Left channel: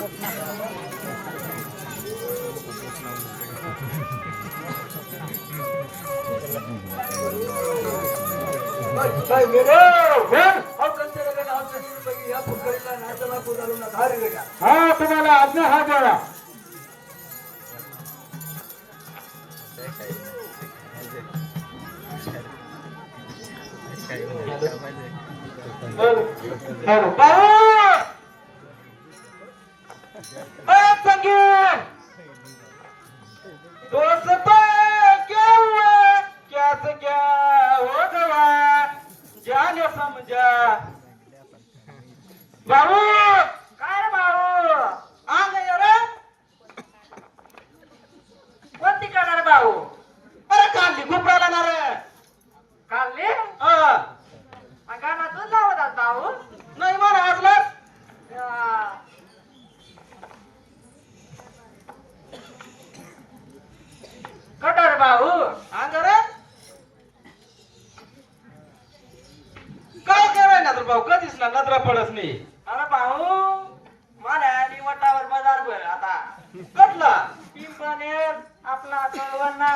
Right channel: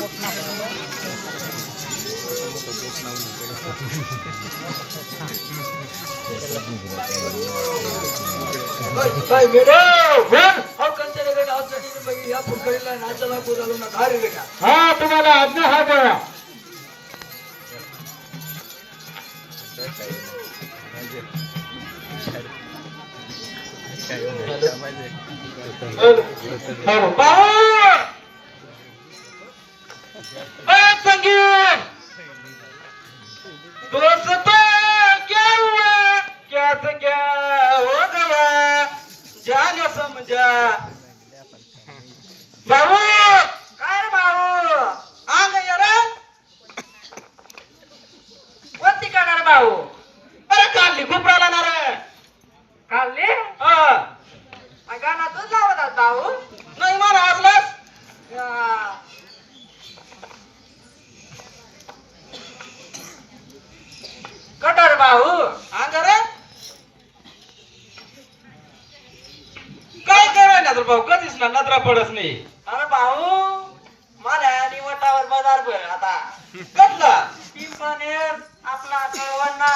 तुम्हाला आज्ञा हा द्या संगीत दोस्तों क्या हुआ कैसे क्या हो गया जाने समझा भाऊ काय भाऊ अंग रे कोणती करणार भाऊ अरे काढली खूप राहणार काढली गाणं तू लावत भाऊ नाही मला आजलाच कटर भाऊ अंगर काय कराय ना तर भाऊ कधीच ना नजरा पडत नाही अरे भाऊ मला निवटावर बाजार भर आता कसला पिंपणेर आपला कळवणा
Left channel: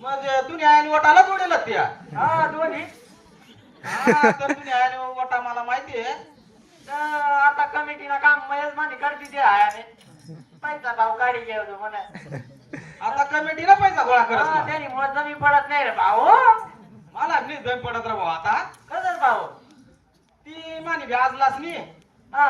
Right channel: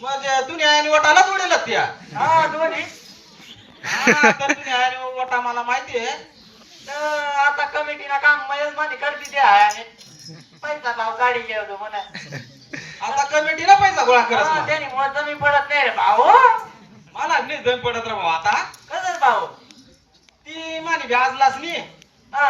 म्हणजे तुम्ही निवटाला जोडेल त्या हा दोन्ही तर तुम्ही निवटा मला माहिती आहे आता कमिटीला काम महेश माने करते ते आहे पैसा भाऊ गाडी घेऊ म्हणा आता कमिटीला पैसा गोळा करत त्याने मला जमीन पडत नाही रे भाऊ मला नाही जमीन पडत रे भाऊ आता कसं भाऊ ती मानी व्याजलाच नाही हा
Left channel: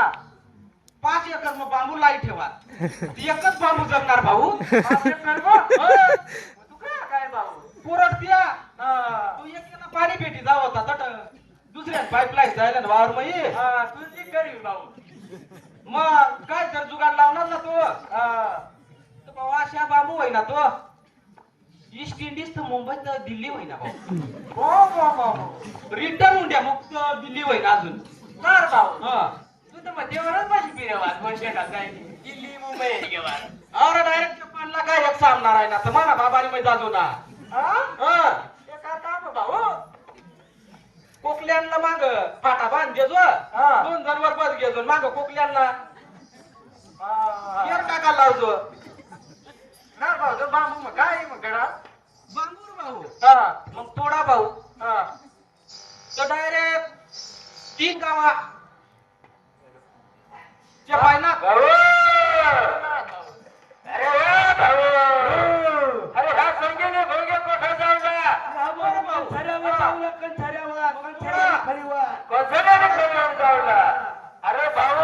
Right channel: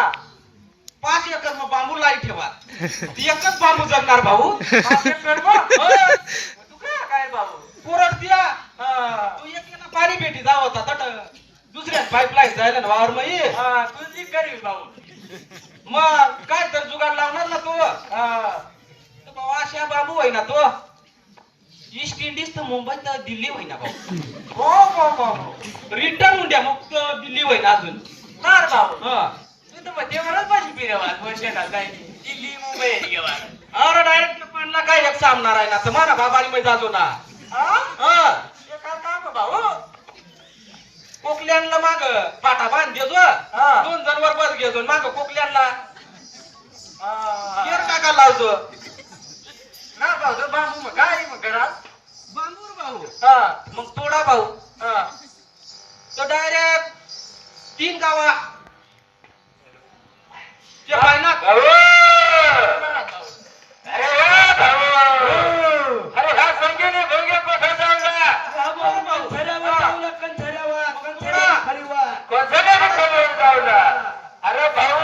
5 एकर मग बांबू लाई ठेवा ती एकच बांबू जगणार भाऊ 5 एकर तू काय भाऊ पुरट दिला तू एकीला पाणी भेटी जाव होता तट दुसऱ्या पाईपलाईन जायला ना वावर मई तू ती करील भाऊ मग काय तर जुगाड लावणार ना तू अशा बाबू होई ना तो ईस्ट इंडिज तर मुंबईत दिल्ली होई ना भाऊ हो रिटर्न उंड्या मग दिल्ली होई ना अजून नार भाऊ तू तर मध्येवरच पाशी फिरवात वर्षाला काय दिल्ली मुंबई गेला अरे डायरेक्ट जपानला काय एक सामणार आहे ना तर म्हणा बाबारी मध्ये जातो ना काय काम भाऊ कोकल्यांना माग पाटा बांध देतो 2 जणवर बस घेतो माग कोकल्यांना केर काका लावतो ना भाऊ तो बांबू मग काय मग घरात बांबू रे भाऊ मग तोडा भाऊ तो डायरेक्ट 3 गावा ते पाहिना अरे हा संगीने भोगे कोठा जाऊला भाऊ खऱ्यावर कंठऱ्यावर खरीवर जाऊला अरे भाऊ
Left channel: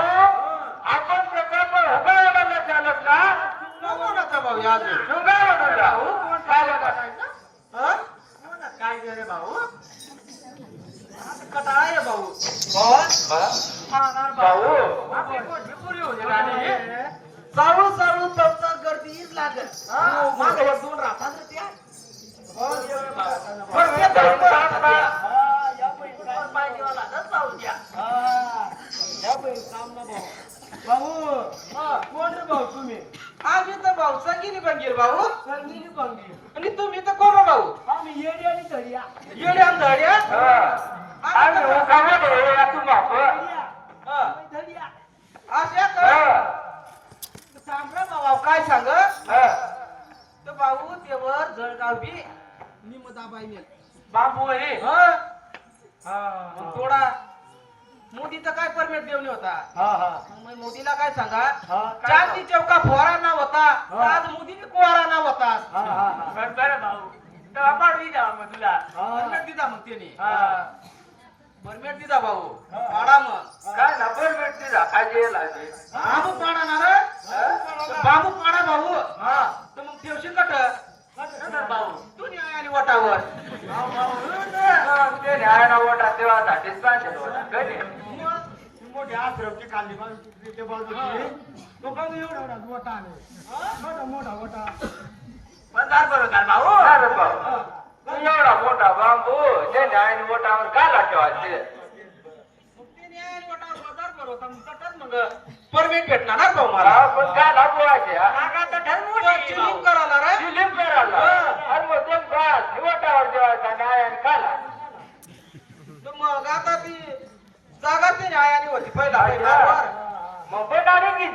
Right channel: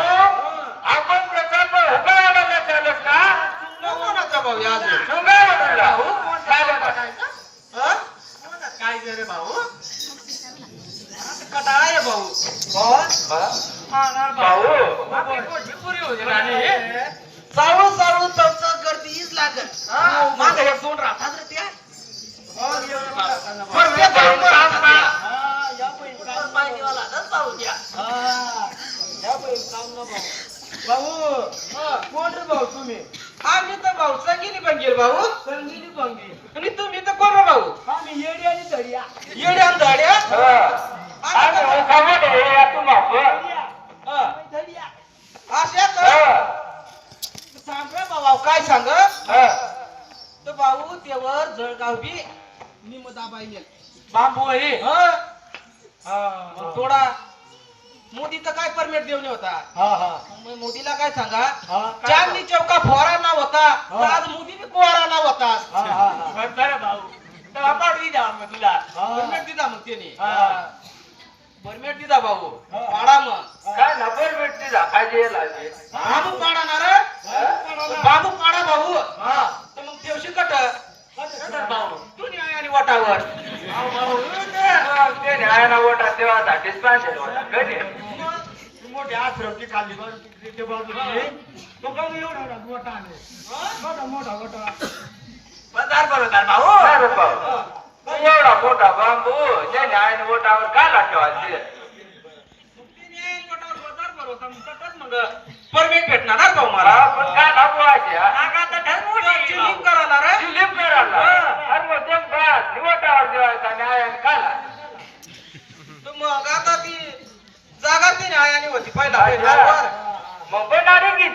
आपण प्रकल्प उभारायला चालत ना नको भाऊ या भाऊ काय रे भाऊ कटाळे भाऊ भाऊ सारू तमचा गर्दीच लागत मागे 2 राहतात रे त्या भाऊ तुम्ही आम्ही तर भाऊ संगीनी बंगीर भाऊ संगीनी बंगीर आणि तुम्ही तर कोण भाऊ आम्ही येडी आणि धड्या येडी आणि धड्या सांगा भाऊ काय सांग तर भाऊ तेव्हा जळगाव बी निमदाबाई बाबू आहे थोडा मोदीचा काय परमिट देऊन होता मोदीला काय सांगा चांदणी चौका फोरा नाव होता आज मोदीने कोरा नाव होता बरं भाऊ तेव्हा पाडवी द्या मग तुला परमिट दिला मग त्याने परमिट दिला भाऊ पाडा मग काय ना परमिट दिला काय द्यायला बाबू पाडा ना रे बाबू पाडा भाऊ तर मग देवशील कट भाऊ तू न्यायाने वाटावर ते न्यायाला वोटा तेव्हासाठीच पाहिजे मोठे आश्रमची काढली मोठा मोठा मोठा बाजार बरोबर भाऊ एवढा मोठा बांबू जे न्यायाने वोटावर काय ठेवायचे परमिट भेटणार ना भाऊ मला पण काय दाखवायचे करायला रे वोटावर जेवायचा न्यायाने काला मग आता ती जागा ती न्यायाने होती पहिला मग बनारी की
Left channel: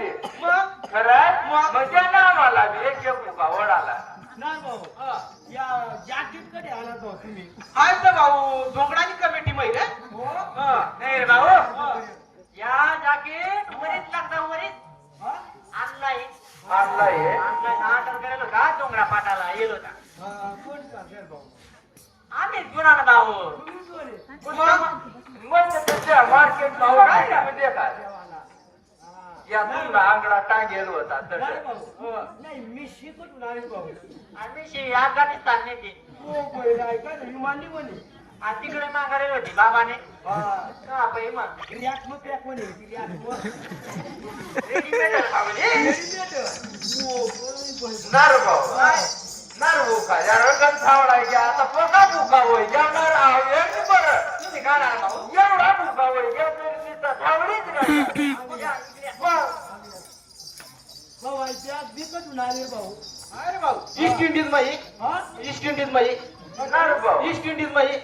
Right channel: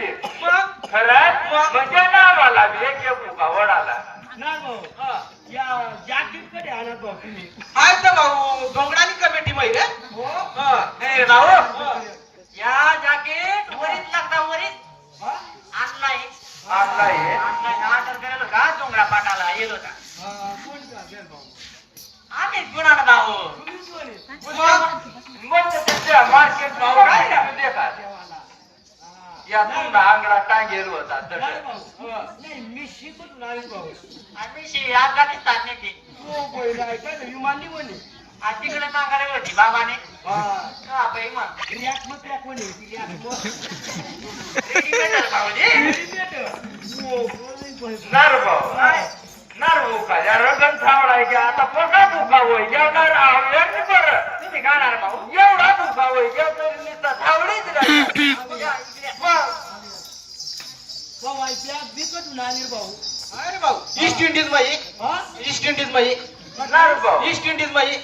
म्हणजे नावाला एक उभा वडाला नाही भाऊ या जाकीट कडे आला तो तुम्ही आहे तर भाऊ डोंगरानी कमिटी माहिती आहे हो हे राव या जाकीट वरीच लागता वरीच आणलाय आणलाय ऑर्डर केलं का डोंगरा पाटाला येलो होता कोण का भाऊ आम्ही घेऊन आलो भाऊ मग त्याच्या मार्केट भाव काय देखा देवाला या तुमचा आंगडा टांगेल होता नाही भाऊ नाही मी शिकत नाही भाऊ आम्ही अफगाणिस्तान नेते हो बोल ऐका ना विमानी म्हणे आणि तिकडे मागायला होती बाबाने हा बाई मग रियाक मग त्या कोणी रियाक मग रेडीमेड भाऊजी नार भाऊ नार भाऊ का या रगन थावडाय की आता पोटा भुका होय या नार आवडली बरं तुम्ही काय राहणार भाऊ एवढा भुका होय या तरी नुसता थावडीच राहिला भाऊ ऐकल्या बिकटून आले भाऊ अरे भाऊ ईस्ट इंडिज माई हा ईस्ट इंडिज माई नार भाऊ ईस्ट इंडिज माई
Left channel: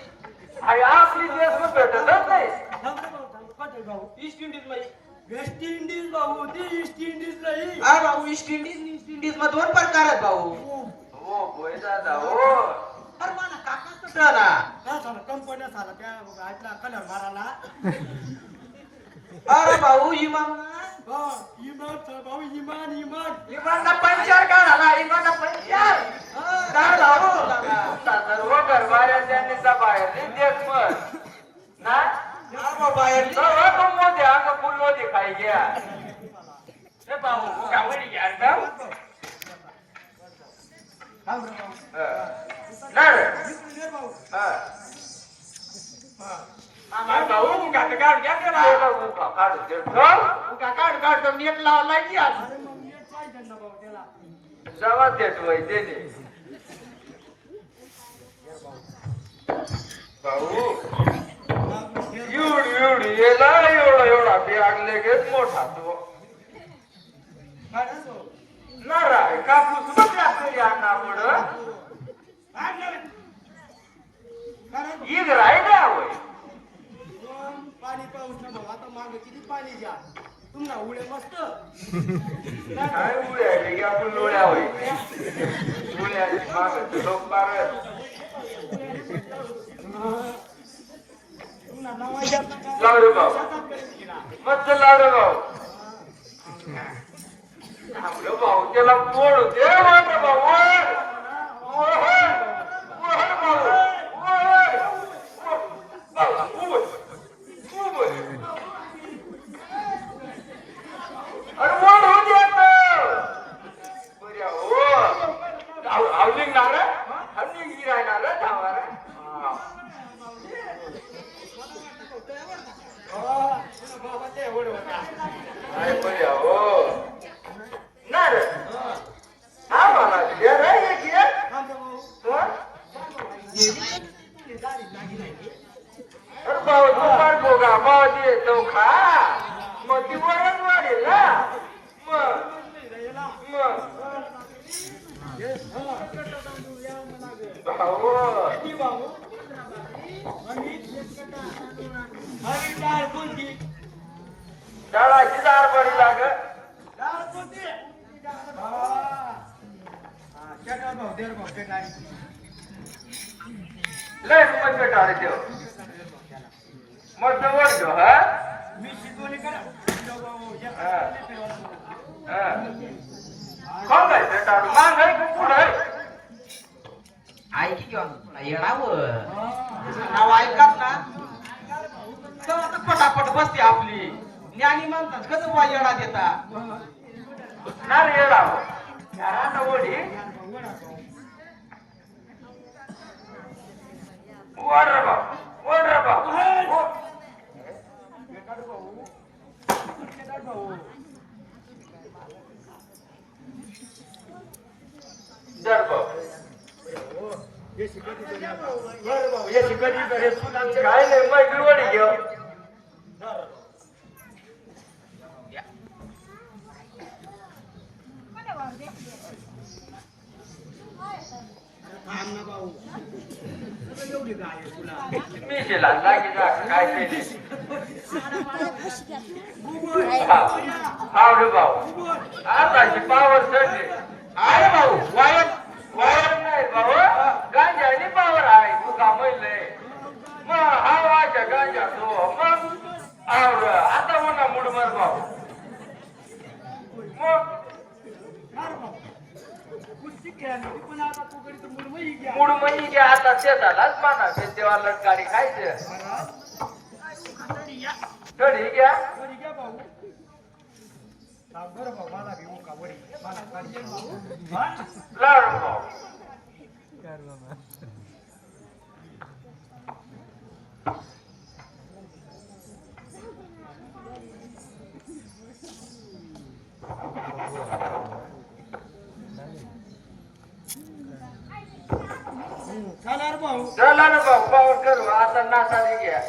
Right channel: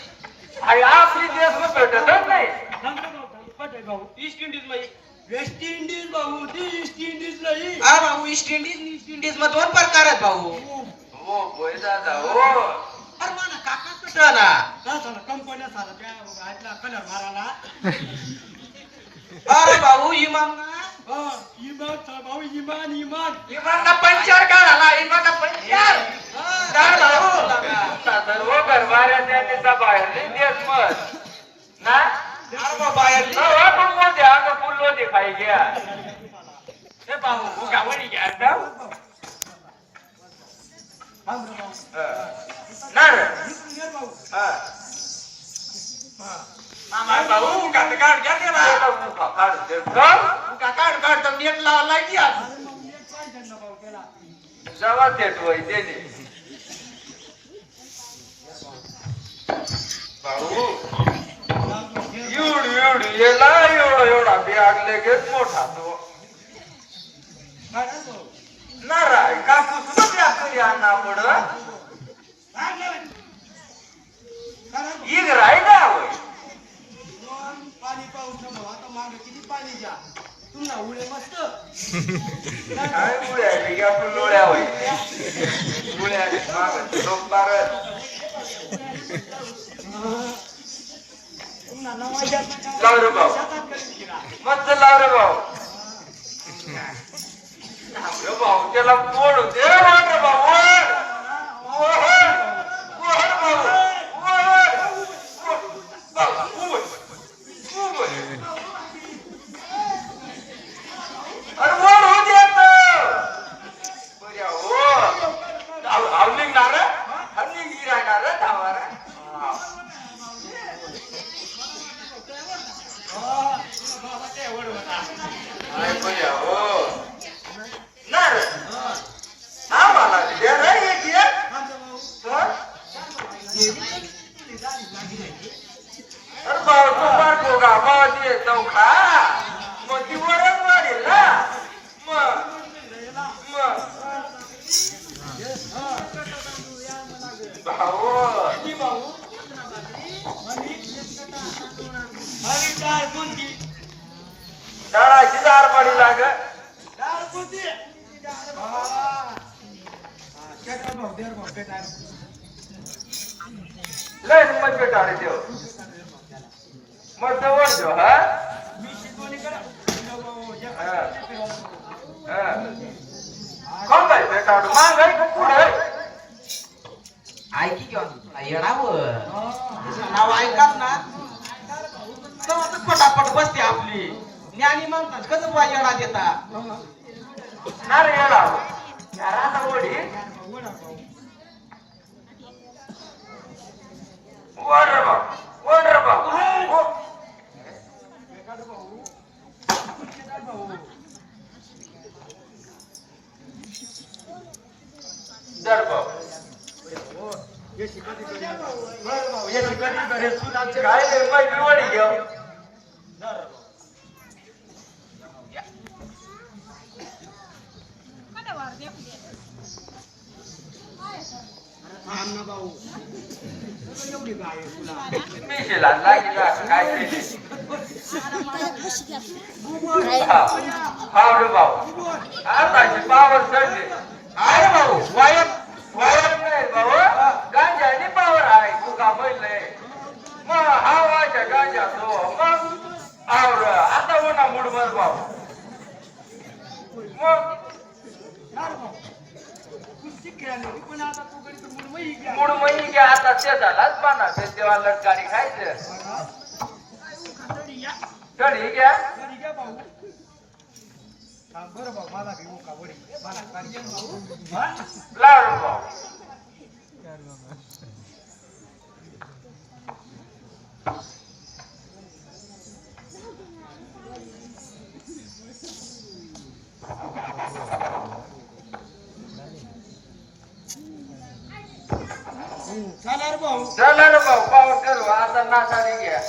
आणि आपली देश भेटतच नाही नंबर भाऊ पटे भाऊ ईस्ट इंडिज माई वेस्ट इंडिज भाऊ ती ईस्ट इंडिज नाही अरे भाऊ ईस्ट इंडिज मध्ये दोन प्रकार आहेत भाऊ हो बोय दादा हो अरे मला काका कटला कंपन्या झाला त्या आपला कलर माराला अरे भाऊ इमाम हा इमान भाऊ इमान इमान इमामना पंचर का झाला इमामना पंचर काय भाऊ सर्व घरमाऱ्या त्यांनी बाहेर देश मत ना अरे बाहेर आपण मोठे अंग फुल्लो दिखाई गया हे भाऊ गावडी घ्या नार मामा भाऊ काट काट घ्या त्याला काट काट तर नेट लावला की आज जवा देत वय देणे भाऊ एवढी येला एवढा बॅग लगेच मोठा तो नाराय कापूस मध्ये आपण या नामुडं ईद राय ना होय पाणी पाऊस ना भाऊ आता मागे किती पाणी द्या तुम्हाला उडे मस्त काय मुळे आपण डोळ्या होय मुळे लोक बारत लावरे भाऊ मस्त लावरे भाऊ भाऊ त्याला मोड दे वाटर भाऊ ऐकी किंवा नाव ऐकात ना तर पटापट बसते आपली ज्ञानी म्हणतात कसं वाजेला देता नारे येला घरात वडी वडर भाऊ दर भाऊ ये शिकती भाऊ हे शिकायची करे सुनाची काय लय मै वडी घेऊ थांब ना भाऊ एवढी गाय तुला मी केला लागी काय केली हावडे भाऊ आताची पावर चढली आहे भाऊ वायर वायर नाही भाऊ गांजानी पावर आहे तू का म्हणले मग हवाच्या गांजा तो मग आवड आता म्हणा मुडमर भाऊ मग मुडमई घ्या आता ते झालाच म्हणा तेव्हा लटकाडी खायचं कढी घ्या लाडू भाऊ चला रे भाऊ चला ना भाऊ पावर करू आता नासाडी घ्या